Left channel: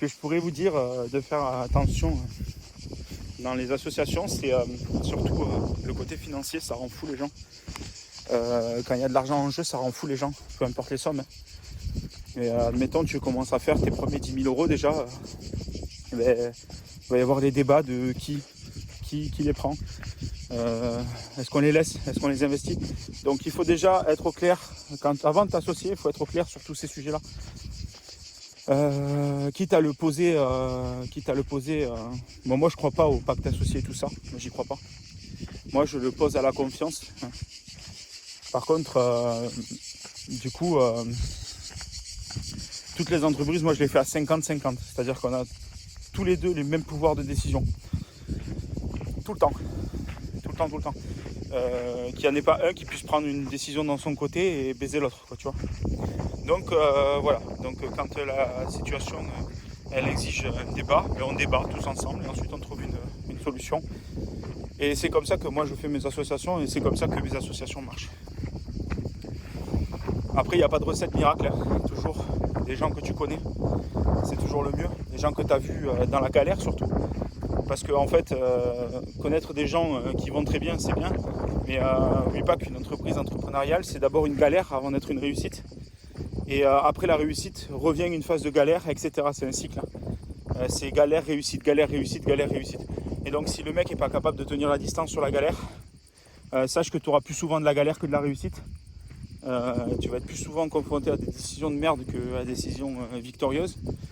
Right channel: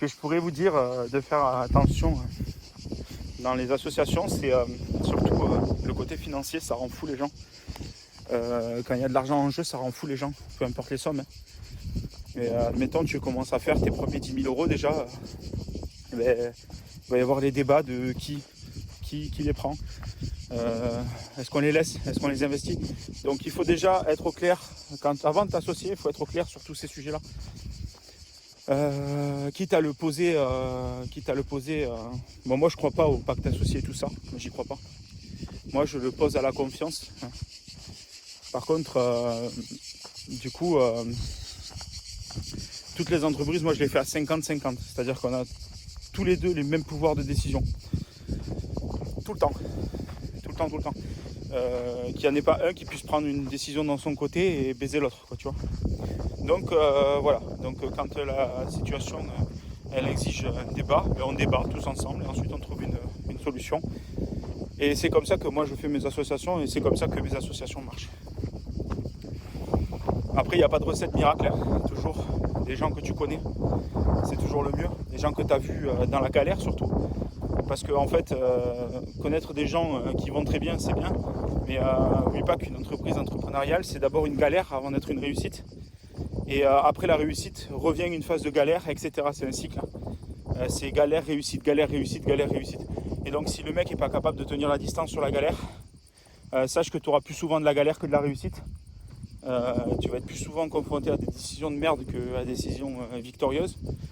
ce que je pourrais vous dire de faire attention dans les associations, c'est surtout le côté financier, ça rend fou les gens. Quand il y a de l'argent en jeu, ça rend fou les gens, peu importe les sommes. Et mettons que tu commences à faire tes premiers 10 000 € déjà, il va y avoir des débats de qui les prend. Est-ce qu'on les laisse? Est-ce qu'on les investit? Donc il faut déjà être au clair, avant de t'associer, il faut être au clair sur tous ces sujets-là. Quitte à le poser, bon, moi je crois pas au pacte associé et tout ça, moi j'y crois pas. Moi je le pose à la confiance. Par contre, du coup, toutes les entreprises, moi je les fais à 50-50, c'est-à-dire qu'on a tous les deux les mêmes pouvoirs de décision. Tout le temps. Qu'il n'y en ait pas un qui puisse prendre une décision dans son côté et baiser l'autre, quoi, tu vois. Donc voilà, donc quand la situation elle exige un débat, et on débat tous ensemble et ensuite on trouve une solution. Et c'est comme ça que moi je fais mes associations et c'est comme ça que mes associations marchent. Après il n'y a pas de recette miracle, hein. Toujours des gens que tu connais, c'est toujours le mieux, des gens que tu as vus dans la galère surtout. Parce que en fait, connaître des gens qui vont très bien, c'est bien. Mais n'oublie pas qu'une entreprise entrepreneuriale, c'est d'abord une galère avant d'être une réussite. Et après la réussite, revient une phase de galère, etc. C'est un cycle. C'est galère, réussite, galère, réussite, galère, réussite. Et donc si le mec n'est pas capable de tenir la distance sur la galère, sache que tu auras plus souvent de la galère que de la réussite. Tu vas être plus souvent confronté à des décisions de merde qu'à des décisions victorieuses.